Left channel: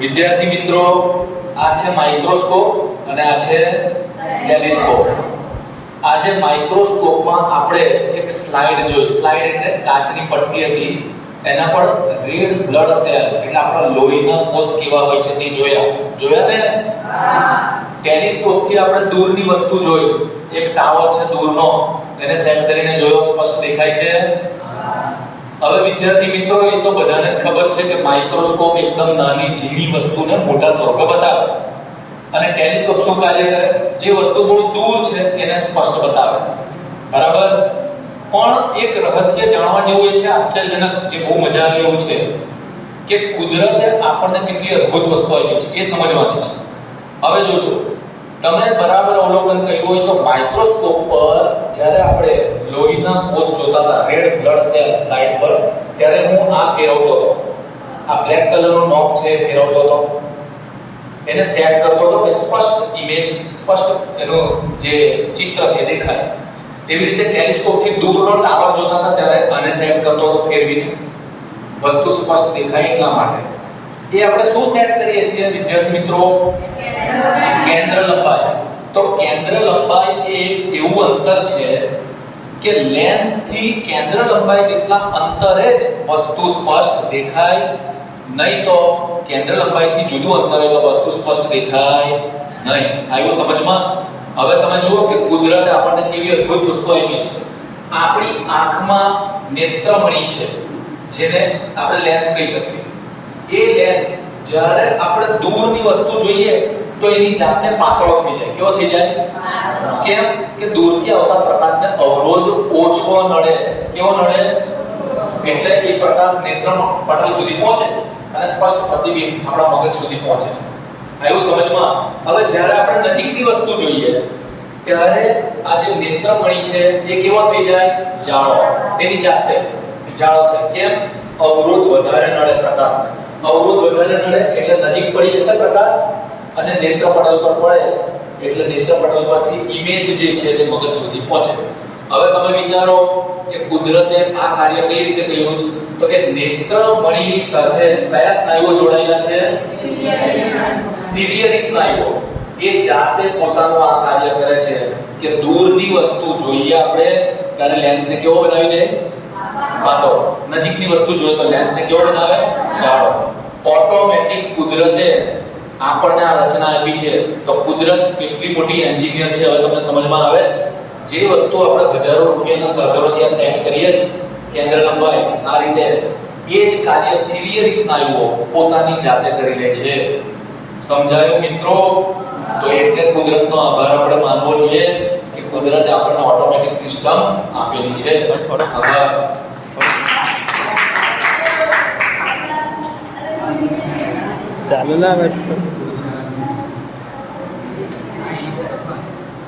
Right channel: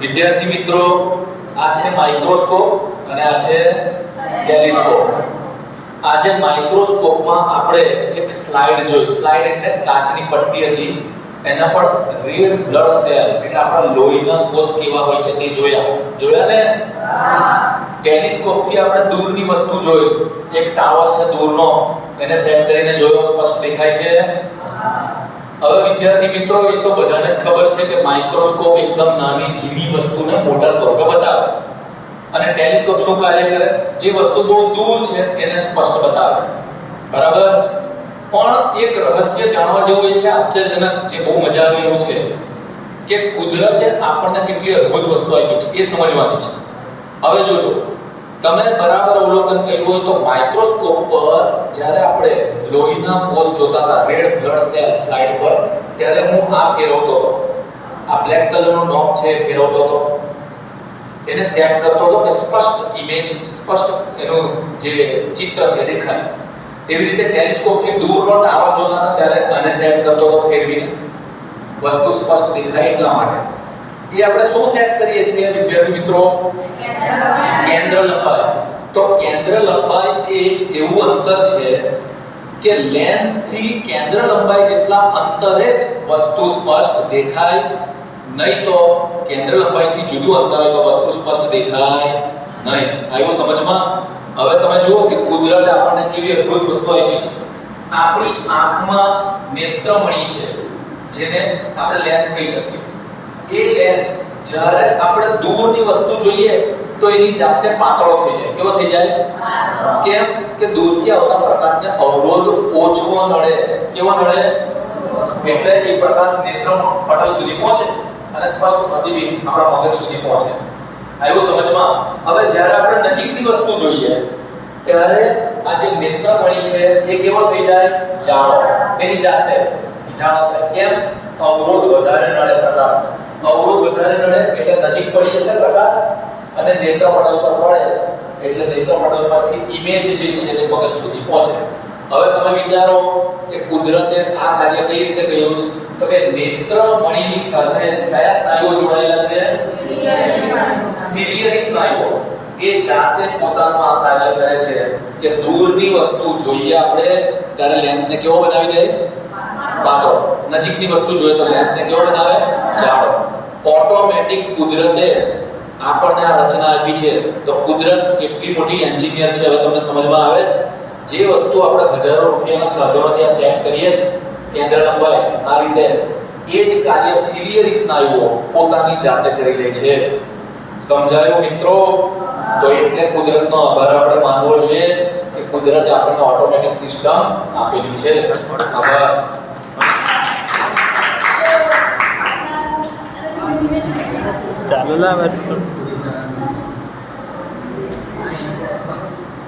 વિદ્યાર્થી મિત્રો, આ છે માઇક્રોસ્કોપ અને આ છે ટેલિસ્કોપ. આજે માઇક્રોસ્કોપમાં આપણે એક સ્લાઇડ જોઈ. સ્લાઇડ એટલે કાચની પટ્ટી હતી, એના પર રેડ બ્લડ સેલ એટલે આપણા લોહીના કોષ કેવા હોય છે તે જોયા ને. ટેલિસ્કોપ થી આપણે દૂરની વસ્તુ જોઈ. એક ટાવર છે દૂરનો, એને સેટ કરીને જોયો, સ્પષ્ટ દેખાય છે. હવે વિદ્યાર્થી મિત્રો, એ તો બધાને જ ખબર છે કે માઇક્રોસ્કોપ એકદમ નાની ઝીણી વસ્તુને મોટા સ્વરૂપે બતાવે અને ટેલિસ્કોપ શું કાર્ય કરે? જે વસ્તુ બહુ દૂર છે એને સ્પષ્ટ બતાવે. બરાબર? પણ એક રહસ્ય જાણવા જેવું એ છે, આશ્ચર્યજનક, જે બહુ મજા આવે એવું છે કે કુદરતે આપણને કેટલી અદ્ભુત વસ્તુ આપી છે એ સમજવાની છે. હવે જોજો, તમે બરાબર અવલોકન કર્યું હોય તો માઇક્રોસ્કોપ પર જ્યારે આપણે લોહીના કોષ જોતા હતા, રેડ બ્લડ સેલ સ્લાઇડ પર, ત્યારે હું આ ફેરવતો હતો, આ બ્લેક કલરનો નોબ છે ફેરવતો હતો, એને સેટ કરતો હતો કે સ્પષ્ટ ઇમેજ, સ્પષ્ટ એનું જે ચિત્ર છે દેખાય. એવી રીતે ટેલિસ્કોપથી દૂરનો ટાવર જોતા હતા ત્યારે આને સેટ કરતો હતો ફેરવીને, વસ્તુ સ્પષ્ટ દેખાય એટલા માટે. એ આપણે શું સેટ કરીએ છીએ વિદ્યાર્થી મિત્રો? કેન્દ્ર લંબાઈ. તો કેન્દ્ર લંબાઈ એ એક એવું અંતર છે કે લેન્સ થી કેન્દ્ર લંબાઈ જેટલા અંતરે જ વસ્તુ સ્પષ્ટ દેખાય, નહીં તો કેન્દ્ર લંબાઈથી જુદું અંતર હોય તો વસ્તુ સ્પષ્ટ દેખાય નહીં. આવ્યું સમજમાં? હવે તમે જુઓ કે કુદરતે આપણને કેવી અદ્ભુત વસ્તુ આપી છે. આપણી આંખમાં નેત્રમણી છે, જેને આપણે લેન્સ કહી શકીએ. એ લેન્સ જ્યારે આપણે દૂરની વસ્તુ જોઈએ તો એની જાતે પાતળો થઈ જાય. કેવો થઈ જાય? કેમ કે દૂરથી આવતા પ્રકાશને અવરોધ ઓછો નડે. કેવો નડે? એટલે એ પ્રકાશ નેત્ર પટલ સુધી પહોંચે અને સ્પષ્ટ પ્રતિબિંબ આપણા મગજ સુધી પહોંચે. આવ્યું સમજમાં? હવે જ્યારે આપણે નજીકની વસ્તુ જોઈએ ત્યારે આ જે નેત્રમણી છે એ કેવો થઈ જાય? જાડો. એની જાતે જાડો થાય. કેમ? અવરોધ વધારે નડે પ્રકાશને. અવરોધ વધારે નડે એટલે નજીક પડી જશે પ્રકાશ અને નેત્રપટલ પર પડે એટલે નેત્રપટલ પરથી ઇમેજ જે છે તે મગજ સુધી પહોંચે. હવે તમે વિચારો કે કુદરતે આ કાર્ય કઈ રીતે કર્યું છે? તો કે નેત્રમણીની સાથે કયા સ્નાયુઓ જોડાયેલા છે? સિલિયરી સ્નાયુઓ. એ જાતે પોતાનું આ કાર્ય કરે છે કે દૂરની વસ્તુ જોઈએ આપણે ત્યારે લેન્સને કેવો બનાવી દે? પાતળો. નજીકની વસ્તુ જોઈએ તો લેન્સને કેવો બનાવે? જાડો. ઓટોમેટિક કુદરતે આપણને આ રચના આપી છે. તો કુદરત કેટલી મોટી એન્જિનિયર છે હવે તમને સમજમાં આવે છે. જે વસ્તુ આપણે હજારો રૂપિયાના સાધનોથી આ સેટ કરીએ છે કેન્દ્ર લંબાઈ આ રીતે, એ જ કાર્ય સિલિયરી સ્નાયુઓ પોતાની જાતે કરી લે છે. સમજાયું મિત્રો? તો એટલે કુદરતનો આભાર આપણે માનવો જોઈએ કે કુદરતે આપણને ઓટોમેટિક સિસ્ટમ આપેલી છે. આભાર. ચાલો ના